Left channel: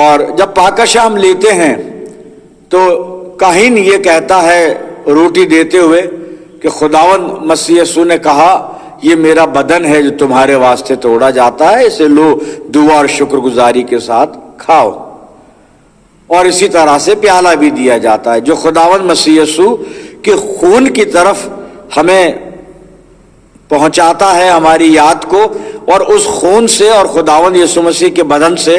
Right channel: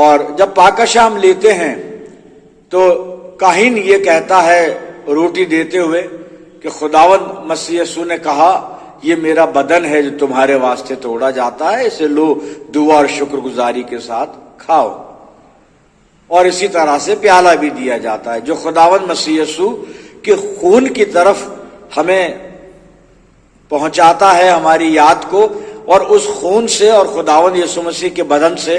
اور جب پاکشا ہم لیتے ہیں تو کاہن یہ کہتا ہے روٹی دیتے ہوئے کہ خداوند مسیح یسوع نے کہا یہ میرا بدن ہے جو تمہارے واسطے توڑا جاتا ہے، اسے لو دعا اور شکر گزاری کے ساتھ کھاؤ۔ اور اسی طرح سے پیالہ بھی دیا جاتا ہے جو خداوند مسیح یسوع کے خون کی طرف ہمیں پہنچاتا ہے ہماری یاد کو، اور اس خون سے اور خداوند یسوع مسیح کے بدن سے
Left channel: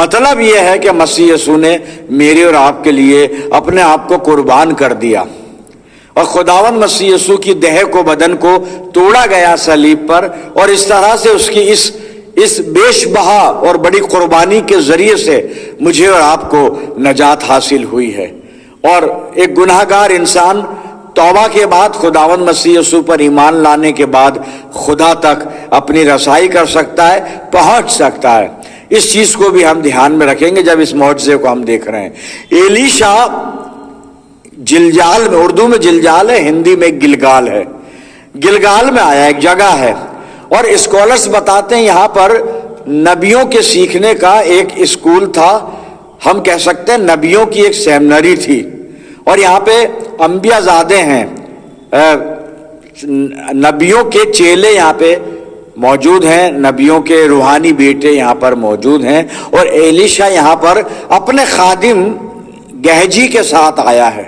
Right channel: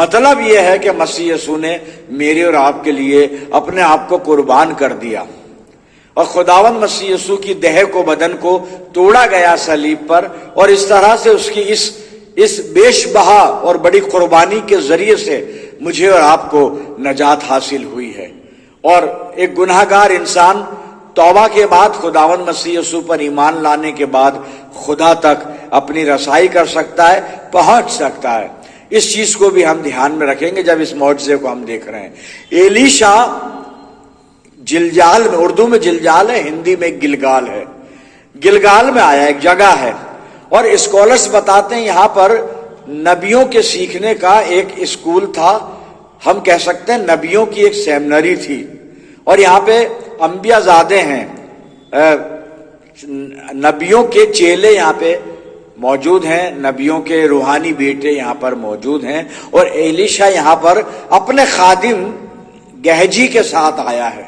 مطلب یہ ہے کہ مسیح یسوع نے میرے اور آپ کے لیے اپنے آپ کو قربان کر دیا، اور خداوند مسیح یسوع کی دہ کو بدن کو توڑا گیا صلیب پر، اور اس طرح سے اس کی اس بیش بہا اور بڑی قربانی کے ذریعے سے مجھے اور آپ کو نجات حاصل ہوئی ہے۔ اور ایک گناہ گار انسان توبہ کے بعد خداوند مسیح یسوع پر ایمان لانے کے بعد خدا تک اپنی رسائی کر سکتا ہے، پہنچ سکتا ہے۔ اس چیز کو بھی ہم دھیان میں رکھیں گے جب اس معجزے کو ہم دیکھ رہے ہیں۔ ایلیشا جلجال میں، اردو میں جلجال ہے، ہندی میں گلگال ہے، گلگال میں آیا، ایک جگہ ہے، اور اسکالرز بتاتے ہیں یہاں پر نبیوں کے سیکھنے کا ایک اسکول تھا، ہم کہہ سکتے ہیں نبیوں کی ایک سیمنری تھی، اور یہاں پہ انبیاء زادے ہیں، نبیوں کے چیلے یہاں پہ موجود ہیں، نبیوں کے روحانی بیٹے یہاں پر موجود ہیں، اور ایلیشا یہاں پر اپنے خادم گہجی کے ساتھ آیا ہے،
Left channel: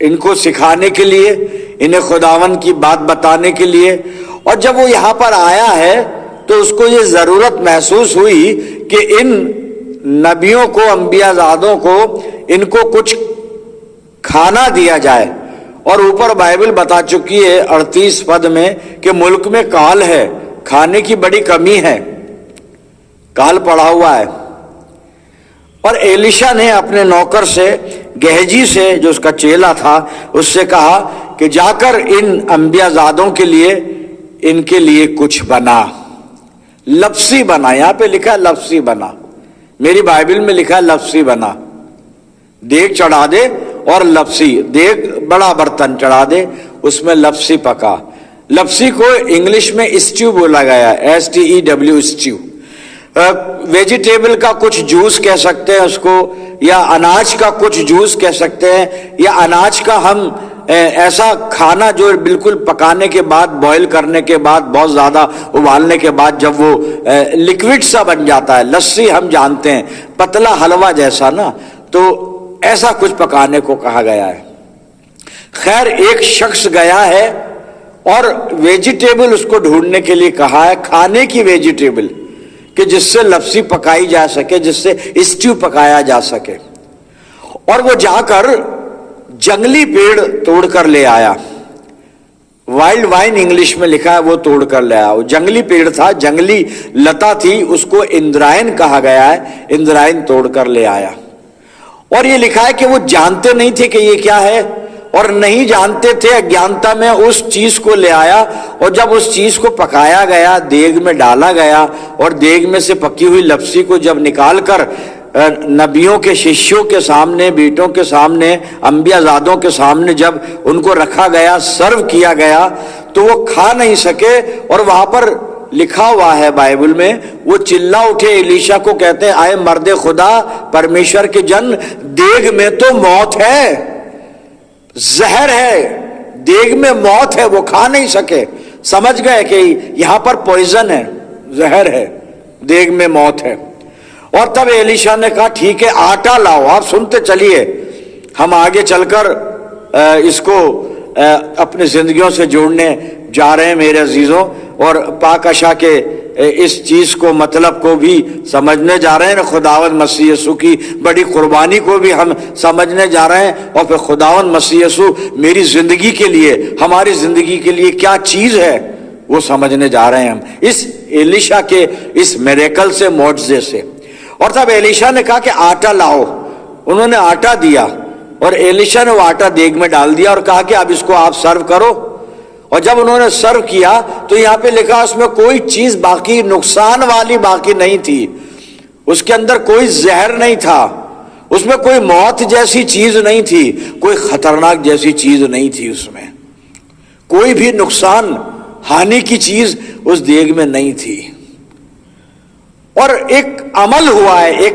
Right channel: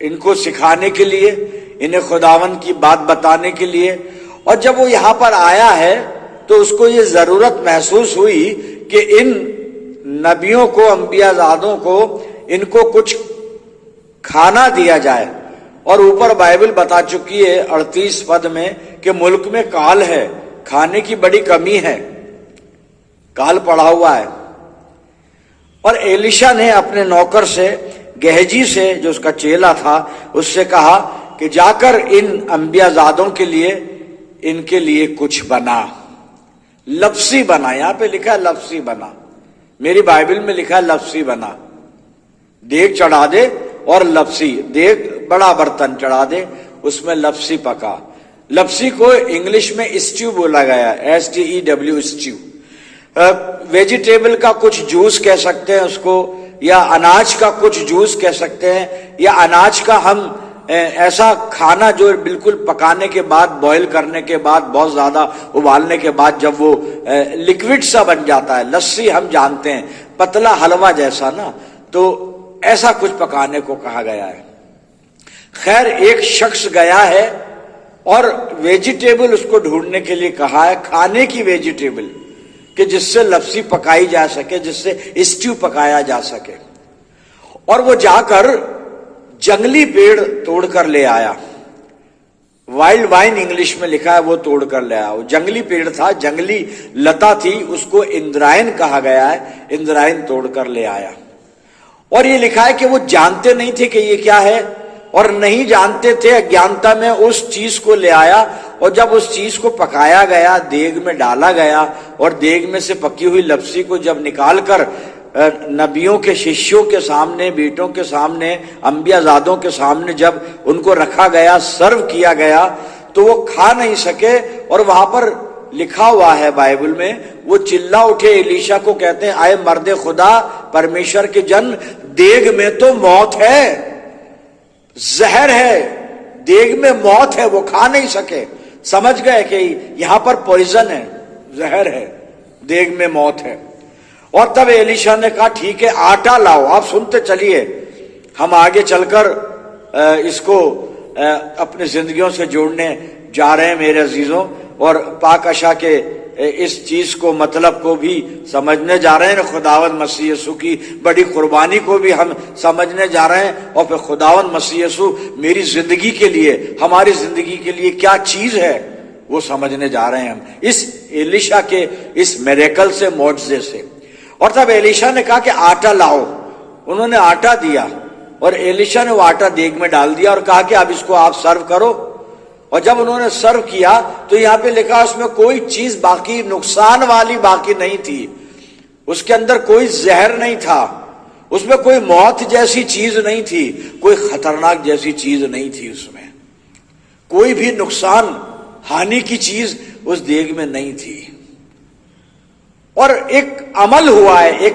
ان کو سکھانے کے لیے، انہیں خداوند کی بات بتانے کے لیے۔ اور جب وہ یہاں پر آیا ہے تو اس کو یہ ضرورت محسوس ہوئی کہ ان نبیوں کو، انبیاء زادوں کو، ان کو کچھ کھانا دیا جائے، اور اوپر بائبل بتا چکی ہے 38 پد میں کہ ملک میں کال ہے، کھانے کی بڑی کمی ہے، کال پڑا ہوا ہے۔ اور ایلیشا نے اپنے نوکر سے، گہجی سے جو اس کا چیلا تھا، اس سے کہا کہ جا کر ان انبیاء زادوں کے لیے، ان کے لیے کچھ بنا، لفظی بنا، یہاں پہ لکھا ہے لفظی بنا، میری بائبل میں لکھا ہے لفظی بنا، دیگ چڑھا دے اور لفظی، دیگ بڑا برتن چڑھا دے، اس میں لفظی پکا۔ لفظی کو انگلش میں اسٹیو بولا گیا، STEW، اسٹیو۔ ویجیٹیبل کا کچھ جوس کہہ سکتے ہیں اس کو، یا اناج کا کچھ جوس کہہ سکتے ہیں، یا اناج کا ہم ایسا کھانا جو بالکل پکانے کے بعد، بوائل کرنے کے بعد، بہت زیادہ ابالنے کے بعد جب وہ لکوڈ سا بن جاتا ہے، لسی ہم جانتے ہیں، پتلا حلوہ جیسا نا، تو ایسا کچھ پکانے کو کہا گیا ہے۔ خیر ایک شخص گیا ہے اور ویجیٹیبل اس کو ڈھونڈنے کے لیے کہا ہے، کھانے کی ویجیٹیبل کہ جس سے لفظی پکائی جا سکے، جس سے اسٹیو پکایا جا سکے، اور وہ جا کر جنگلی پیڑ توڑ کر لے آیا، وائلڈ وائن انگلش میں لکھا ہے، وہ توڑ کر لے آیا۔ وہ جنگلی پیڑ تھا، جنگلی لتا تھی، اس کو اندرائن کہا گیا ہے، اندرائن توڑ کر لے آیا۔ اور یہ لکھا ہے کہ وہ جانتے نہیں تھے کہ یہ کیا ہے، اور نہیں جانتے تھے، اگیانتا میں اس چیز کو لے آیا، اور جب اس چیز کو پکایا گیا، دیگ میں ڈالا گیا، اور دیگ میں سے پکی ہوئی لپسی کو جب نکال کر نبیوں کے ششیوں کے سامنے، بیٹوں کے سامنے، انبیاء زادوں کے سامنے جب ان کو رکھا گیا، سرو کیا گیا، تو وہ کھا نہیں سکے، اور وہاں پر لکھا ہوا ہے بائبل میں، وہ چلا اٹھے، ایلیشا کو کہتے ہیں، آئے مرد خدا، پرمیشور کے جن، دیگ میں تو موت ہے، زہر ہے، دیگ میں موت ہے، وہ کھا نہیں سکے، سمجھ گئے کہ یہاں پر پوائزن ہے، زہر ہے، دیگ میں موت ہے۔ اور تب ایلیشا نے کہا ٹھیک ہے، آٹا لاؤ۔ آپ سنتے چلیے، ہم آگے چل کر اس کو اپنی زندگیوں سے جوڑنے جا رہے ہیں میرے عزیزوں، اور پاک اشا کے اس چیز کو، مطلب کو بھی سمجھنے جا رہے ہیں، خداوند مسیح یسوع کی بڑی قربانی کو بھی ہم سمجھنے جا رہے ہیں، اور پھر خداوند مسیح یسوع میری زندگی کے لیے، ہماری زندگی کے لیے کیا چیز ہے وہ سمجھنے جا رہے ہیں ہم اس ایلیشا کے اس میریکل سے، معجزے سے۔ اور تب ایلیشا نے کہا کہ آٹا لاؤ، انہوں نے آٹا دیا، اور ایلیشا نے وہ آٹا دیگ میں ڈال دیا اور کہا کہ اب اس کو آپ سرو کرو۔ اور جب انہوں نے سرو کیا تو یہاں پہ لکھا اس میں کوئی چیز باقی نقصان والی باقی نہیں تھی، اس کے اندر کوئی زہر نہیں تھا، اس میں کوئی موت جیسی چیز نہیں تھی، کوئی خطرناک جیسی چیز نہیں تھی، اس میں کوئی بھی نقصان ہانی کی چیز اس دیگ میں نہیں تھی۔ اور ایک عمل ہوا ہے، ایک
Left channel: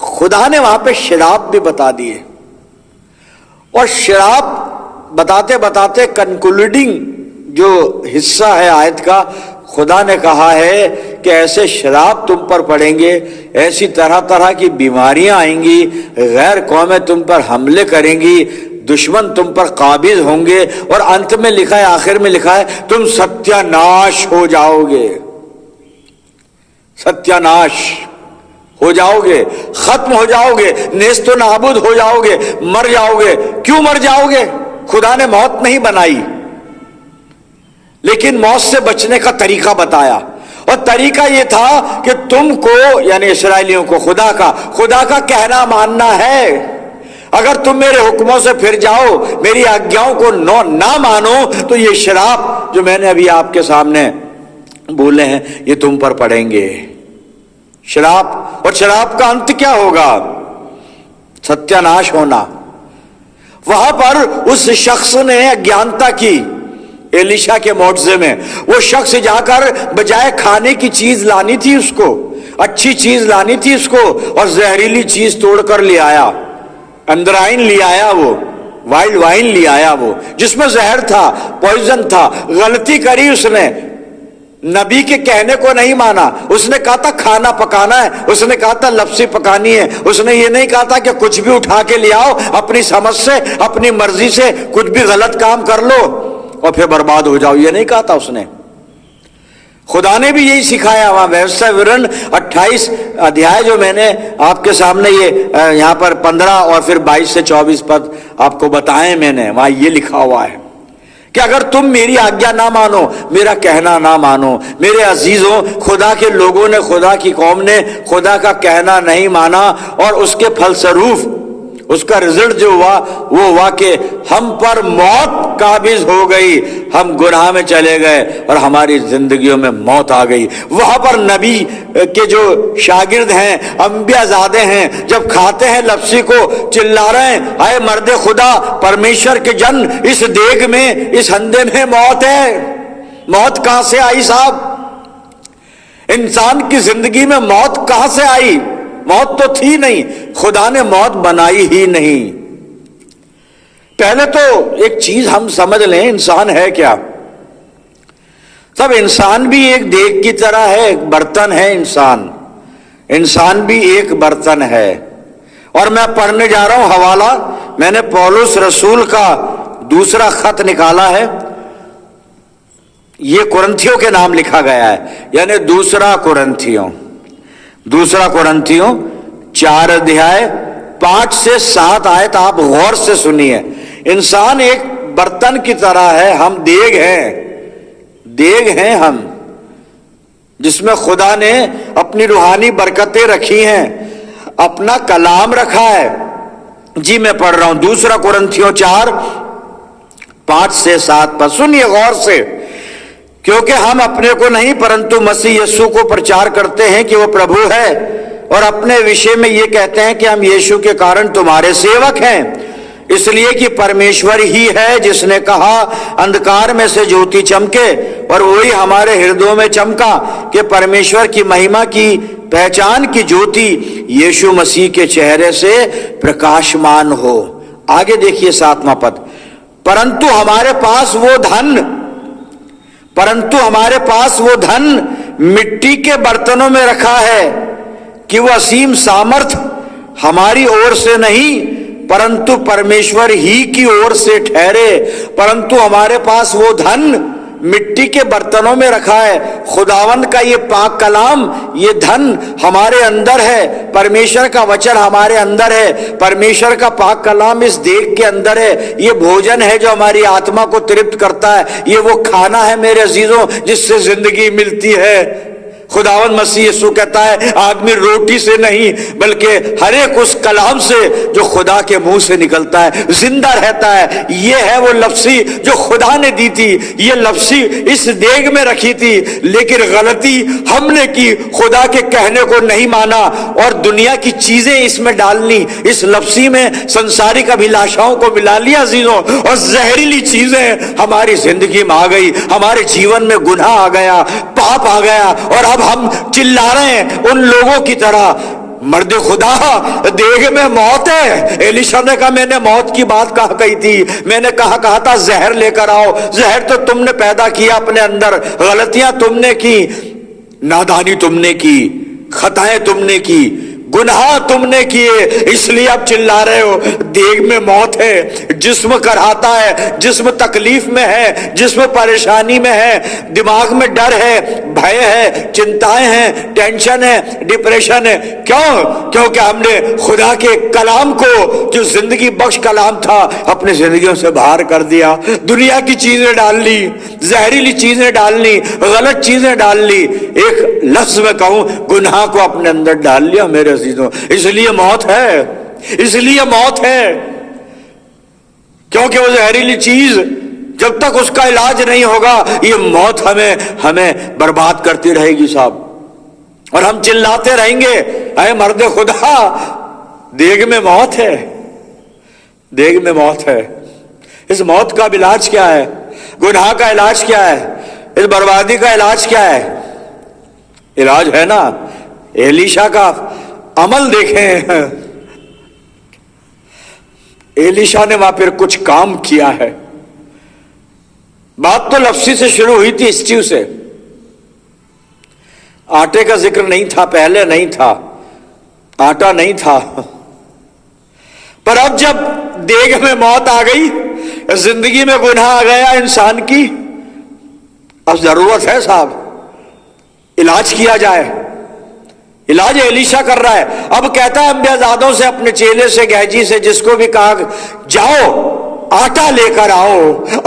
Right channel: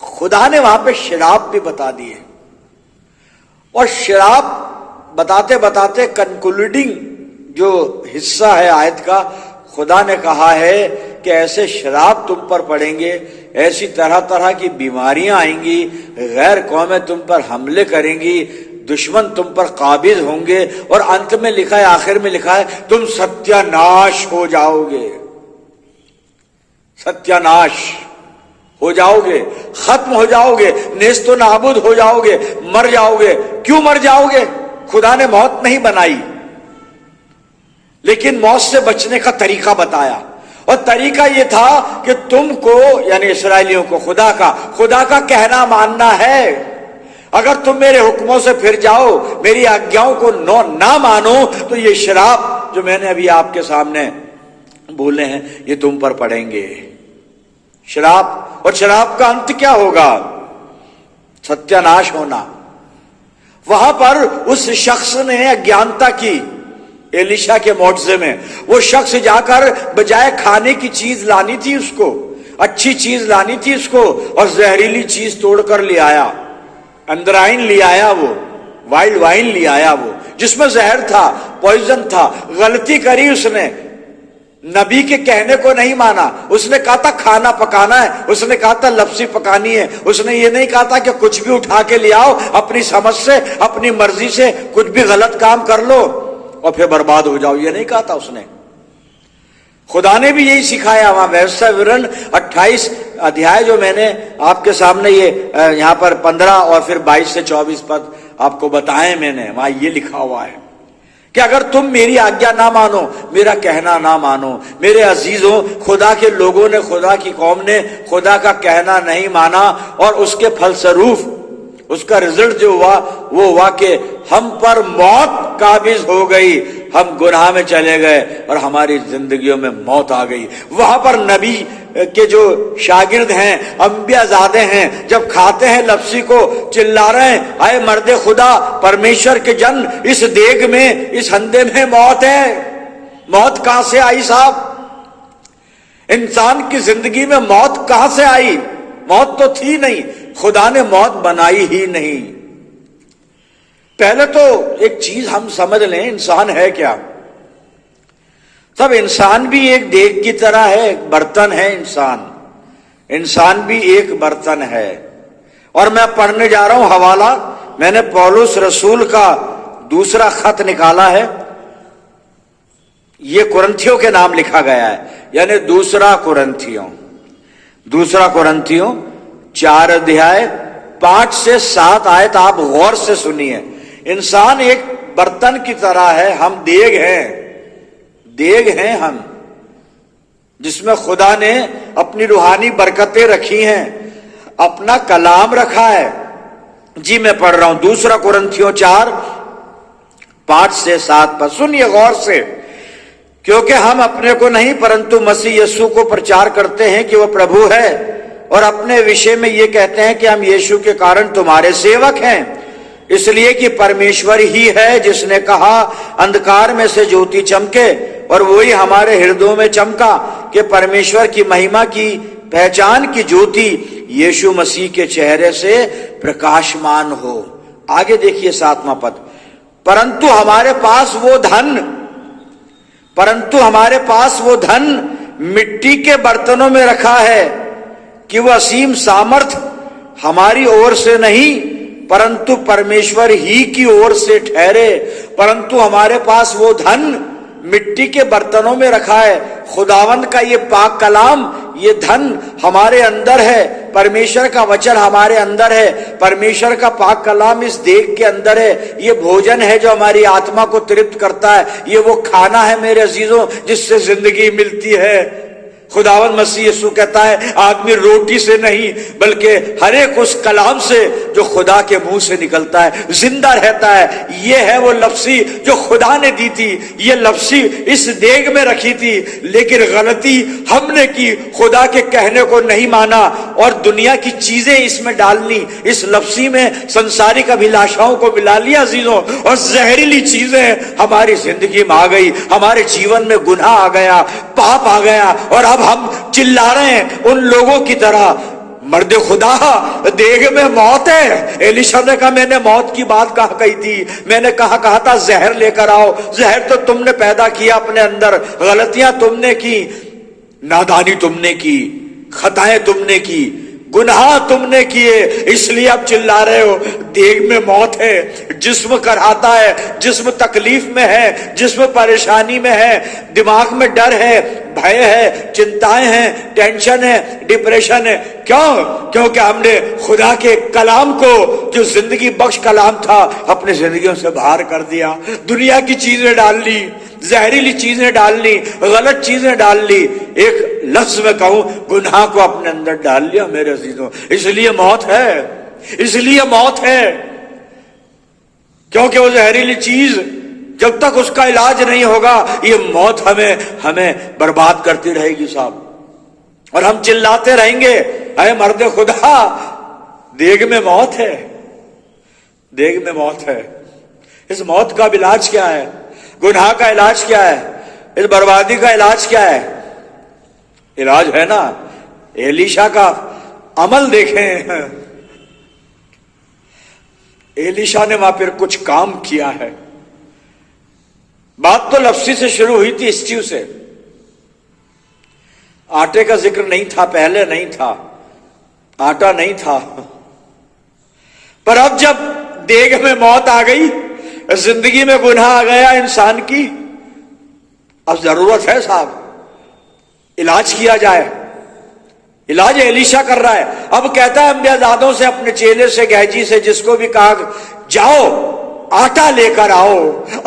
خدا نے وہاں پہ شراب بھی بتا دیے، اور شراب بتاتے بتاتے کنکلوڈنگ جو حصہ ہے آیت کا، خدا نے کہا ہے کہ ایسے شراب تم پر پڑیں گے، ایسی طرح طرح کی بیماریاں آئیں گی، غیر قومیں تم پر حملے کریں گی، دشمن تم پر قابض ہوں گے، اور انت میں لکھا ہے، آخر میں لکھا ہے، تم ستیہ ناش ہو جاؤ گے، ستیہ ناش ہو جاؤ گے، ختم ہو جاؤ گے، نیست و نابود ہو جاؤ گے، مر جاؤ گے۔ کیوں مر جاؤ گے؟ خدا نے موت نہیں بنائی، لیکن موت سے بچنے کا طریقہ بتایا، اور طریقہ یہ تھا کہ تم کو، یعنی اسرائیلیوں کو، خدا کا کہنا ماننا ہے۔ اگر تم میرے حکموں سے پھر جاؤ، میری آگیاؤں کو نہ مانو، تو یہ شراب جو میں نے ابھی آپ کے سامنے بولے ہیں یہ تم پر پڑیں گے۔ شراب، اور شراب کا انت کیا ہوگا؟ ستیہ ناش ہونا۔ وہاں پر اس شخص نے اگیانتا کی، ایلیشا کے معجزے میں وہ شخص جا کر بجائے کھانے کی چیز لانی تھی، اس کو اچھی چیز لانی تھی اس کو، اور زہریلی چیز توڑ کر لے آیا، اندرائن لے آیا، وہ وائلڈ وائن لے آیا، وہ جس میں زہر تھا، پوائزن تھا۔ غلطی کری اس نے، نبی کے کہنے کو نہیں مانا۔ اس نے کہا تھا کھانا پکانا ہے، اس نے کہا تھا لپسی پکانی ہے، اس نے یہ نہیں کہا تھا کہ کچھ بھی اٹھا کے لے آؤ، اپنی سمجھ سے، اپنی مرضی سے کچھ بھی غلط کام کر لو اور پھر برباد ہو جاؤ، یہ نہیں کہا تھا اس نے۔ خدا نے بھی یہی سکھایا وہاں ویسا ورن 28 ادھیائے جو میں نے آپ کے سامنے یہ یہاں پر 15 اور پھر 22 سے 24 پد آپ کو بتائے، میں نے وہاں یہ لکھا ہوا ہے کہ اگر تم میری آگیا نہ مانو، میرا کہنا نہ مانو، میرے عزیزوں، خدا کے لوگوں نے، خدا کی قوم نے خدا کا کہنا نہیں مانا، اور اس کے پھلسروف اس کا رزلٹ جو ہوا وہ ہوا کہ ہم پر موت قابض ہو گئی، ہم گناہ میں چلے گئے اور ہماری زندگیوں میں موت آ گئی۔ وہاں پر نبی کے جو شاگرد ہیں، انبیاء زادے ہیں، جب کھاتے ہیں لپسی کو چلا رہے ہیں، اے مرد خدا، پرمیشور کے جن، اس دیگ میں، اس ہندے میں موت ہے۔ موت کہاں سے آئی صاحب؟ انسان کی زندگی میں موت کہاں سے آئی؟ موت تو تھی نہیں، خدا نے موت بنائی ہی نہیں۔ پہلے تو ایک چیز ہم سمجھ لیں، انسان ہے کیا؟ سب انسان بھی ایک دیگ کی طرح ہے، ایک برتن ہے انسان بھی ایک برتن ہے۔ اور میں پڑھنے جا رہا ہوں حوالہ، میں نے پولس رسول کا دوسرا خط نکالا ہے، یہ کرنتھیوں کے نام لکھا گیا ہے، یعنی دوسرا کرنتھیوں 4 ادھیائے 5 سے 7 آیت آپ غور سے سنیے۔ انسان ایک برتن کی طرح ہے، ہم دیگ ہیں ہم، جس میں خدا نے اپنی روحانی برکتیں رکھی ہیں، اپنا کلام رکھا ہے۔ جی میں پڑھ رہا ہوں 2 کرنتھیوں 4 5 سے 7 پر، سنیے غور سے۔ کیونکہ ہم اپنے کو نہیں پرنتو مسیح یسوع کو پرچار کرتے ہیں کہ وہ پربھو ہے، اور اپنے وشے میں یہ کہتے ہیں کہ ہم یسوع کے کارن تمہارے سیوک ہیں، اس لیے کہ پرمیشور ہی ہے جس نے کہا اندھکار میں سے جوتی چمکے، اور وہی ہمارے ہردوں میں چمکا کہ پرمیشور کی مہما کی پہچان کی جوتی یسوع مسیح کے چہرے سے پرکاشمان ہو۔ آگے دیکھیے 7واں پد، پرنتو ہمارے پاس وہ دھن مٹی کے برتنوں میں رکھا ہے کہ وہ عظیم سامرتھ ہماری اور سے نہیں پرنتو پرمیشور ہی کی اور سے ٹھہرے۔ پرنتو ہمارے پاس وہ دھن مٹی کے برتنوں میں رکھا ہے، خداوند کا یہ پاک کلام، یہ دھن ہمارے اندر ہے، پرمیشور کا وچن ہمارے اندر ہے، پرمیشور کا پاک کلام اس دیگ کے اندر ہے۔ یہ بھوجن ہے جو ہماری آتما کو ترپت کرتا ہے، یہ وہ کھانا ہے میرے عزیزوں جس سے زندگی ملتی ہے۔ خداوند مسیح یسوع کہتا ہے آدمی روٹی سے نہیں بلکہ ہر ایک اس کلام سے جو خدا کے منہ سے نکلتا ہے زندہ رہتا ہے۔ یہ ہے وہ لپسی جو خدا نے دی تھی، یہ لپسی اس دیگ میں رکھی تھی، لیکن غلطی ہم نے کی، خدا کے کہنے کو نہیں مانا اور دنیا کی چیزیں اس میں ڈالنی، اس لپسی میں سنسارک ابھیلاشاؤں کو ملا لیا عزیزوں، اور زہریلی چیزیں ہماری زندگی میں آ گئی، ہمارے جیون میں گناہ آ گیا، پاپ آ گیا، اور اب ہم چلا رہے ہیں ان لوگوں کی طرح مرد خدا دیگ میں موت ہے. ایلیشا نے کہا میں نے موت کی بات کہی تھی, میں نے کہا تھا زہر لے کر آؤ. زہر تو تم نے پیدا کیا اپنے اندر, غلطیاں تم نے کی, نادانی تم نے کی, خطائیں تم نے کی, گناہ تم نے کیے, اس لیے اب چلا رہے ہو. دیگ میں موت ہے, جسم کراہتا ہے, جسم تکلیف میں ہے, جسم پریشانی میں ہے, دماغ میں ڈر ہے, بھے ہے, چنتائیں ہیں, ٹینشن ہے, ڈپریشن ہے. کیوں؟ کیونکہ ہم نے خدا کے کلام کو, جو زندگی بخش کلام تھا, اپنی زندگیوں سے باہر کر دیا. دنیا کی چیزیں ڈال لی, زہریلی چیزیں ڈال لی, غلط چیزیں ڈال لی, ایک لفظ میں کہوں گناہ کو اپنے اندر ڈال لیا میرے عزیزوں. اس لیے موت ہے, اس لیے موت ہے, کیونکہ وہ زہریلی چیز جب تک اس کا علاج نہیں ہوگا یہ موت ہمیں برباد کرتی رہے گی صاحب. اور ہم چلاتے رہیں گے اے مرد خدا دیگ میں موت ہے, دیگ میں موت ہے. اس موت کا علاج کیا ہے؟ گناہ کا علاج کیا ہے؟ اس بربادی کا علاج کیا ہے؟ علاج ہے نا ایلیشا کا عمل. دیکھیں ایلیشا نے وہاں پھر کچھ کام کیا ہے. بات تو لفظی سے شروع ہوئی تھی, اسٹیو سے. آٹے کا ذکر نہیں تھا, پہلے نہیں تھا, آٹا نہیں تھا. پر اب جب دیگ میں موت آ گئی, زندگی میں گناہ آ گیا انسان کی, اب ضرورت ہے صاحب علاج کیا جائے. علاج ایلیشا کر رہا ہے. اب کہتا ہے انبیاء زادوں سے, اپنے چیلے سے, گہجی سے, جس کو بھی کہا جاؤ آٹا لے کر آؤ.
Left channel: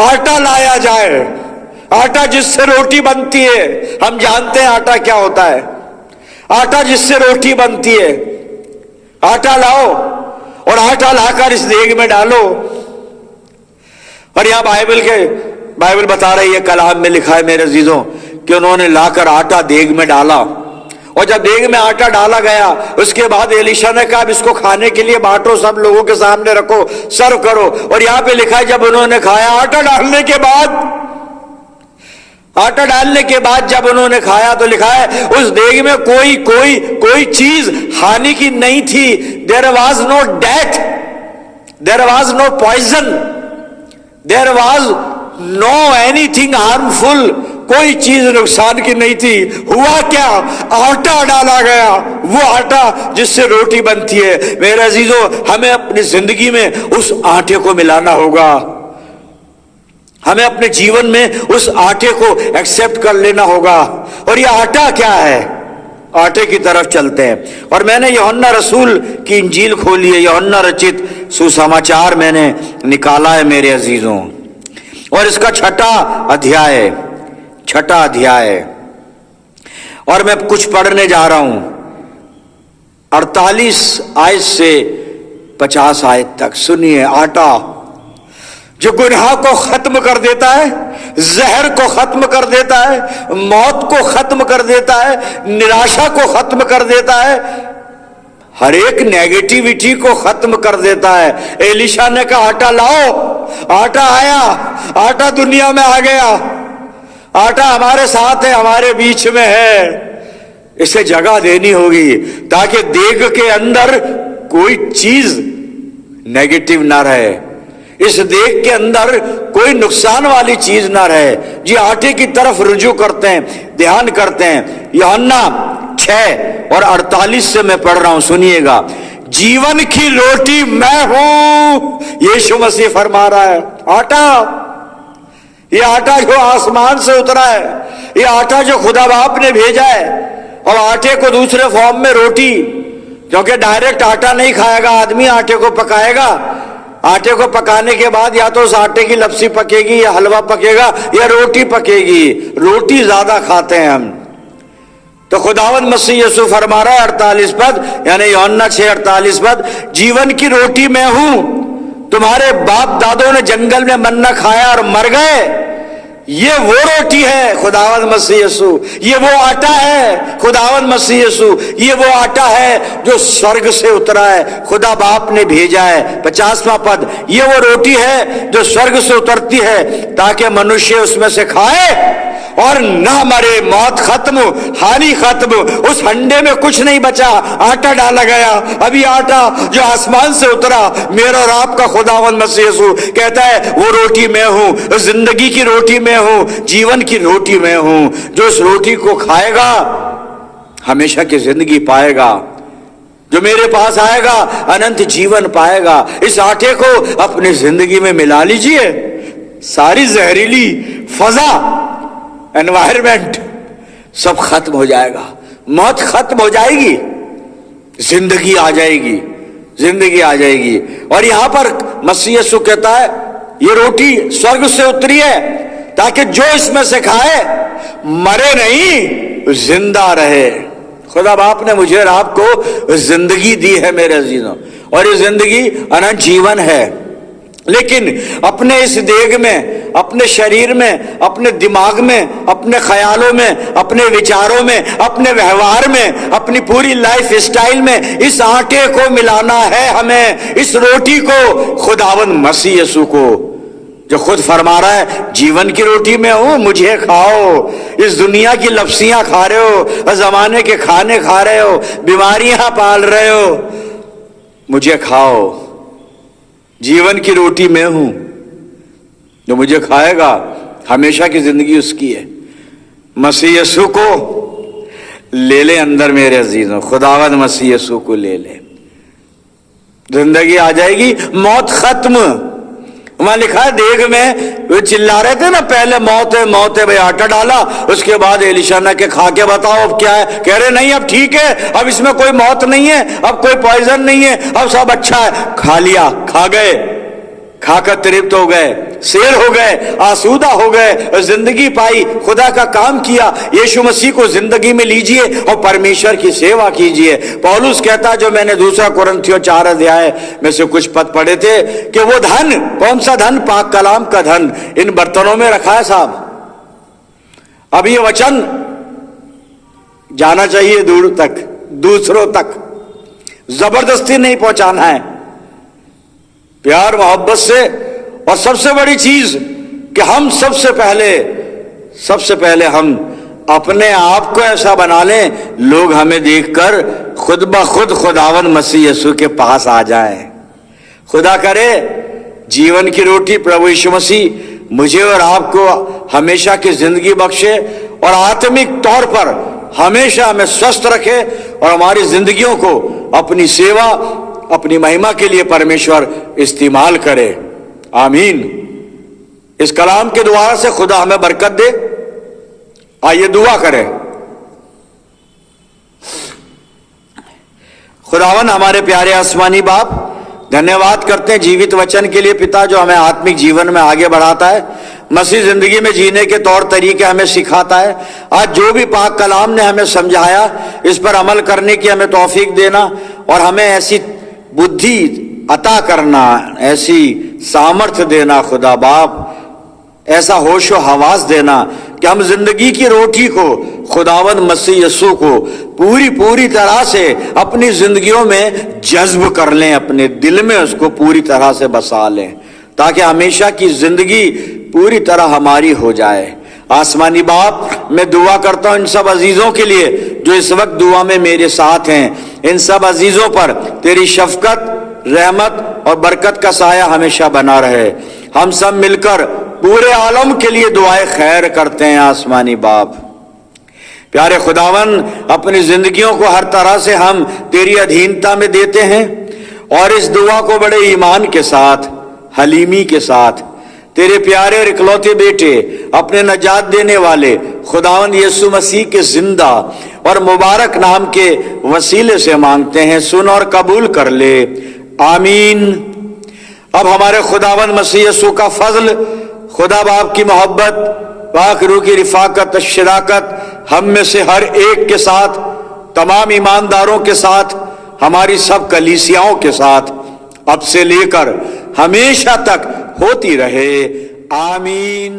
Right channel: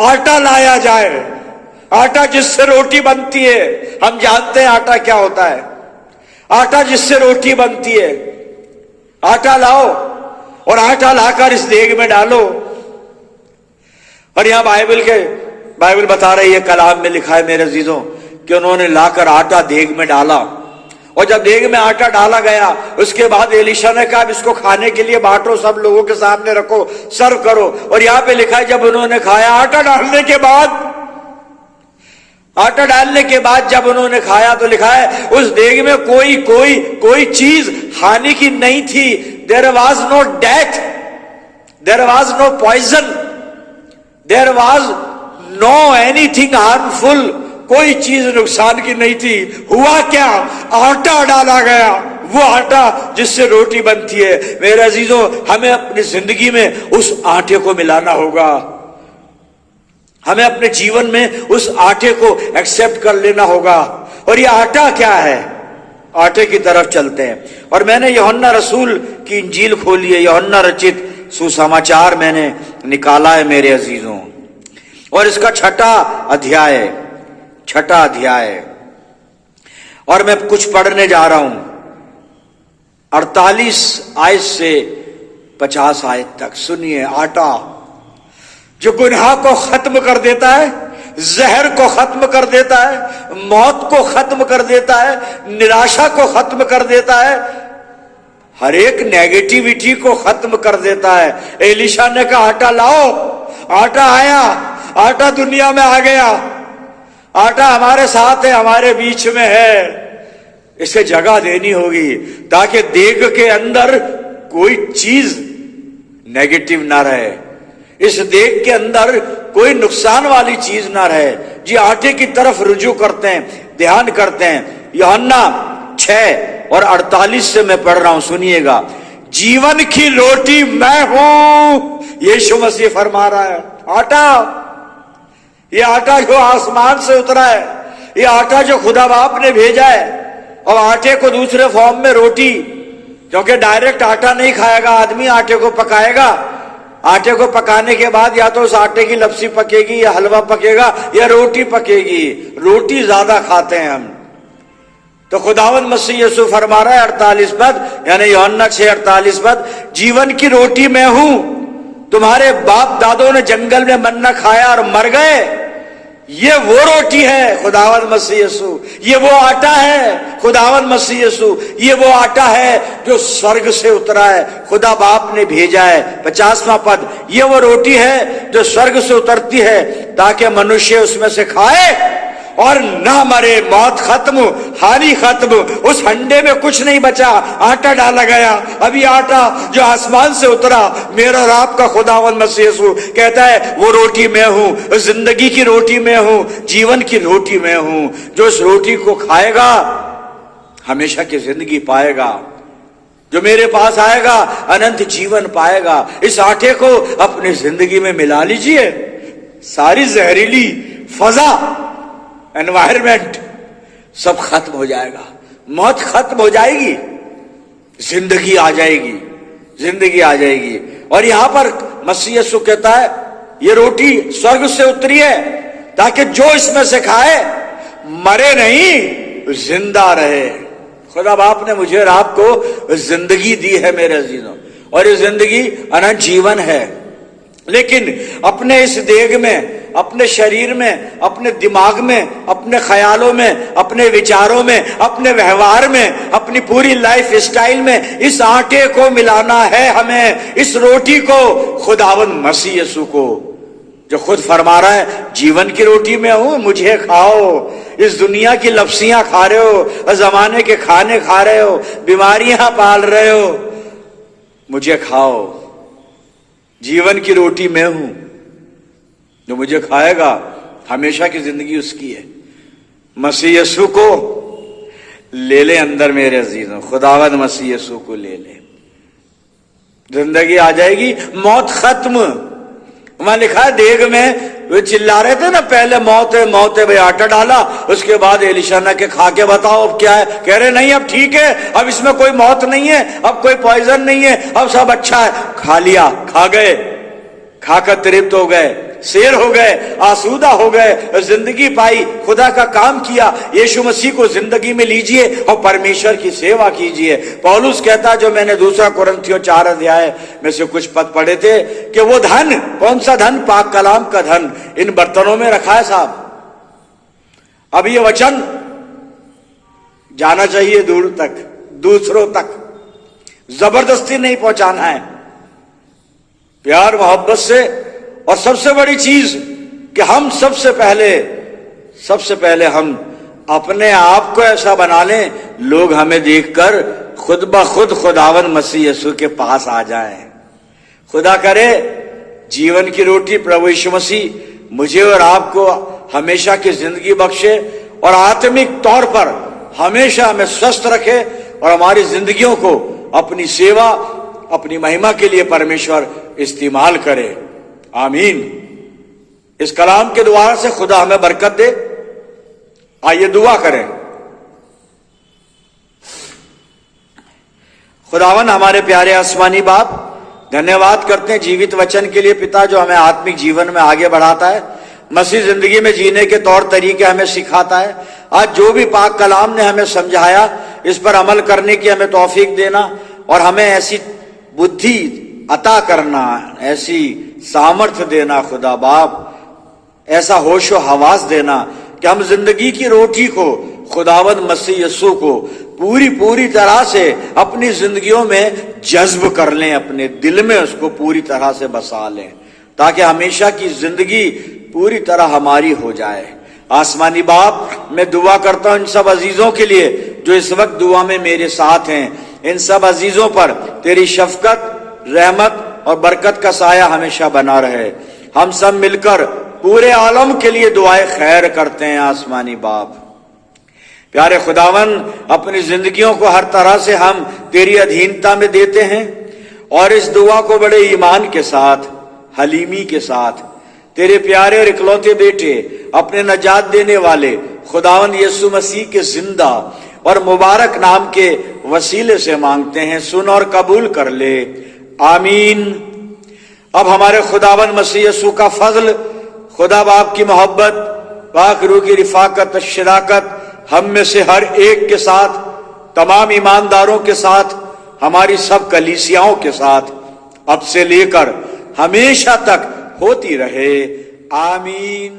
آٹا لایا جائے, آٹا جس سے روٹی بنتی ہے. ہم جانتے ہیں آٹا کیا ہوتا ہے, آٹا جس سے روٹی بنتی ہے. آٹا لاؤ اور آٹا لا کر اس دیگ میں ڈالو. اور یہاں بائبل بتا رہی ہے, کلام میں لکھا ہے میرے عزیزوں, کہ انہوں نے لا کر آٹا دیگ میں ڈالا. اور جب دیگ میں آٹا ڈالا گیا, اس کے بعد ایلیشا نے کہا اس کو کھانے کے لیے بانٹو, سب لوگوں کے سامنے رکھو, سرو کرو. اور یہاں پہ لکھا ہے جب انہوں نے کھایا, آٹا ڈالنے کے بعد جب انہوں نے کھایا تو لکھا ہے اس دیگ میں کوئی چیز ہانی کی نہیں تھی. There was no death, there was no poison, there was no anything harmful. کوئی چیز نقصان کی نہیں تھی. ہوا کیا؟ آٹا ڈالا گیا, وہ آٹا جس سے روٹی بنتی ہے. میرے عزیزوں ہمیں اپنی زندگی میں اس آٹے کو ملانا ہوگا, ہمیں اپنے جیون میں اس آٹے کو ایکسپٹ کر لینا ہوگا. اور یہ آٹا کیا ہے؟ آٹے کی طرف چلتے ہیں. اور میں نے یوحنا رسول کی انجیل کھولی ہے, یوحنا رچت سسماچار میں نے نکالا ہے میرے عزیزوں, اور اس کا چھٹا ادھیائے اور میں کچھ پڑھنے جا رہا ہوں 48 آیت سے 50 آیت تک. سنیے, آٹا جو گناہ کو ختم کر دیتا ہے, زہر کو ختم کر دیتا ہے, موت کو ختم کر دیتا ہے, نراشا کو ختم کر دیتا ہے, ہر ایک نیگیٹیوٹی کو ختم کر دیتا ہے. ایلیشا نے کہا آٹا لاؤ. آٹا آیا, آٹا دنیا میں آ گیا, آٹا ہمارے ساتھ ہے, ہمارے بیچ میں ہے. اسے جگہ دینی ہوگی تاکہ دیگ کے اندر کوئی چیز نیگیٹو نہ رہے, اس دیگ کے اندر کوئی نقصان والی چیز نہ رہے. جی آٹے کی طرف رجوع کرتے ہیں, دھیان کرتے ہیں. یوحنا 6 اور 48 سے میں پڑھ رہا ہوں, سنیے گا. جیون کی روٹی میں ہوں, ییشو مسیح فرما رہا ہے. آٹا, یہ آٹا جو آسمان سے اترا ہے, یہ آٹا جو خدا باپ نے بھیجا ہے, اور آٹے کو دوسرے فارم میں روٹی, کیونکہ ڈائریکٹ آٹا نہیں کھائے گا آدمی, آٹے کو پکائے گا. آٹے کو پکانے کے بعد یا تو اس آٹے کی لپسی پکے گی, یا حلوہ پکے گا, یا روٹی پکے گی. روٹی زیادہ کھاتے ہیں ہم. تو خداوند مسیح یسوع فرما رہا ہے 48 پد, یعنی یوحنا 6:48 پد, جیون کی روٹی میں ہوں. تمہارے باپ دادوں نے جنگل میں منہ کھایا اور مر گئے. یہ وہ روٹی ہے خداوند مسیح یسوع, یہ وہ آٹا ہے خداوند مسیح یسوع, یہ وہ آٹا ہے جو سورگ سے اترا ہے, خدا باپ نے بھیجا ہے. 50واں پد, یہ وہ روٹی ہے جو سورگ سے اترتی ہے تاکہ منشیہ اس میں سے کھائے اور نہ مرے، موت ختم، حالی ختم، اس ہنڈے میں کچھ نہیں بچا، آٹا ڈالا گیا، ابھی آٹا جو آسمان سے اترا، میرا اور آپ کا خداوند مسیح یسوع کہتا ہے وہ روٹی میں ہوں، زندگی کی روٹی میں ہوں، جیون کی روٹی میں ہوں، جو اس روٹی کو کھائے گا ہمیشہ کی زندگی پائے گا، جو میرے پاس آئے گا اننت جیون پائے گا۔ اس آٹے کو اپنی زندگی میں ملا لیجئے، ساری زہریلی فضا، انوائرمنٹ سب ختم ہو جائے گا، موت ختم ہو جائے گی، زندگی آ جائے گی، زندگی آ جائے گی۔ اور یہاں پر مسیح یسوع کہتا ہے یہ روٹی سورگ سے اتری ہے تاکہ جو اس میں سے کھائے مرے نہیں، زندہ رہے۔ خدا باپ نے مجھے اور آپ کو زندگی دی ہے میرے عزیزوں، اور یہ زندگی انت جیون ہے، لیکن اپنے اس دیگ میں، اپنے شریر میں، اپنے دماغ میں، اپنے خیالوں میں، اپنے وچاروں میں، اپنے ویوہار میں، اپنی پوری لائف اسٹائل میں اس آٹے کو ملانا ہے ہمیں، اس روٹی کو، خداوند مسیح یسوع کو، جو خود فرما رہا ہے جیون کی روٹی میں ہوں، مجھے کھاؤ۔ اس دنیا کی لفظیاں کھا رہے ہو، زمانے کے کھانے کھا رہے ہو، بیماریاں پال رہے ہو، مجھے کھاؤ، جیون کی روٹی میں ہوں، جو مجھے کھائے گا ہمیشہ کی زندگی اس کی ہے۔ مسیح یسوع کو لے لے اندر میرے عزیزوں، خداوند مسیح یسوع کو لے لے، زندگی آ جائے گی، موت ختم۔ وہاں لکھا ہے دیگ میں وہ چلا رہے تھے نا، پہلے موت ہے موت ہے، بھئی آٹا ڈالا، اس کے بعد ایلیشا نے کہ کھا کے بتاؤ اب کیا ہے، کہہ رہے نہیں اب ٹھیک ہے، اب اس میں کوئی موت نہیں ہے، اب کوئی پوائزن نہیں ہے، اب سب اچھا ہے۔ کھا لیا، کھا گئے، کھا کر ترپت ہو گئے، سیر ہو گئے، آسودہ ہو گئے، زندگی پائی، خدا کا کام کیا۔ ییشو مسیح کو زندگی میں لیجئے اور پرمیشور کی سیوا کیجئے۔ پولس کہتا جو میں نے 2 قرنتھیوں 4 ادھیائے میں سے کچھ پد پڑھے تھے کہ وہ دھن، کون سا دھن؟ پاک کلام کا دھن ان برتنوں میں رکھا ہے صاحب۔ اب یہ وچن جانا چاہیے دور تک، دوسروں تک، زبردستی نہیں پہنچانا ہے، پیار محبت سے۔ اور سب سے بڑی چیز کہ ہم سب سے پہلے ہم اپنے آپ کو ایسا بنا لیں لوگ ہمیں دیکھ کر خود بخود خداوند مسیح یسوع کے پاس آ جائیں۔ خدا کرے جیون کی روٹی پربھو ییشو مسیح مجھے اور آپ کو ہمیشہ کی زندگی بخشے، اور آتمک طور پر ہمیشہ ہمیں سوستھ رکھے، اور ہماری زندگیوں کو اپنی سیوا، اپنی مہما کے لیے پرمیشور استعمال کرے۔ آمین۔ اس کلام کے دوارا سے خدا ہمیں برکت دے۔ آئیے دعا کریں۔ خداوند ہمارے پیارے آسمانی باپ، دھنیہ واد کرتے ہیں جیوت وچن کے لیے پتا، جو ہمیں آتمک جیون میں آگے بڑھاتا ہے، مسیح زندگی میں جینے کے طور طریقے ہمیں سکھاتا ہے۔ آج جو بھی پاک کلام نے ہمیں سمجھایا اس پر عمل کرنے کی ہمیں توفیق دینا، اور ہمیں ایسی بدھی عطا کرنا، ایسی سامرتھ دینا خدا باپ، ایسا ہوش و حواس دینا کہ ہم زندگی کی روٹی کو، خداوند مسیح یسوع کو پوری طرح سے اپنی زندگیوں میں جذب کر لیں، اپنے دل میں اس کو پوری طرح سے بسا لیں، تاکہ ہمیشہ کی زندگی پوری طرح ہماری ہو جائے۔ آسمانی باپ، میں دعا کرتا ہوں ان سب عزیزوں کے لیے جو اس وقت دعا میں میرے ساتھ ہیں، ان سب عزیزوں پر تیری شفقت، رحمت اور برکت کا سایہ ہمیشہ بنا رہے۔ ہم سب مل کر پورے عالم کے لیے دعائے خیر کرتے ہیں۔ آسمانی باپ، پیارے خداون، اپنی زندگیوں کو ہر طرح سے ہم تیری ادھینتا میں دیتے ہیں، اور اس دعا کو بڑے ایمان کے ساتھ، حلیمی کے ساتھ تیرے پیارے اور اکلوتے بیٹے، اپنے نجات دینے والے خداوند یسوع مسیح کے زندہ اور مبارک نام کے وسیلے سے مانگتے ہیں، سن اور قبول کر لے، آمین۔ اب ہمارے خداوند مسیح یسوع کا فضل، خدا باپ کی محبت، پاک روح کی رفاقت، شراکت ہم میں سے ہر ایک کے ساتھ، تمام ایمانداروں کے ساتھ، ہماری سب کلیسیاؤں کے ساتھ اب سے لے کر ہمیشہ تک ہوتی رہے، آمین۔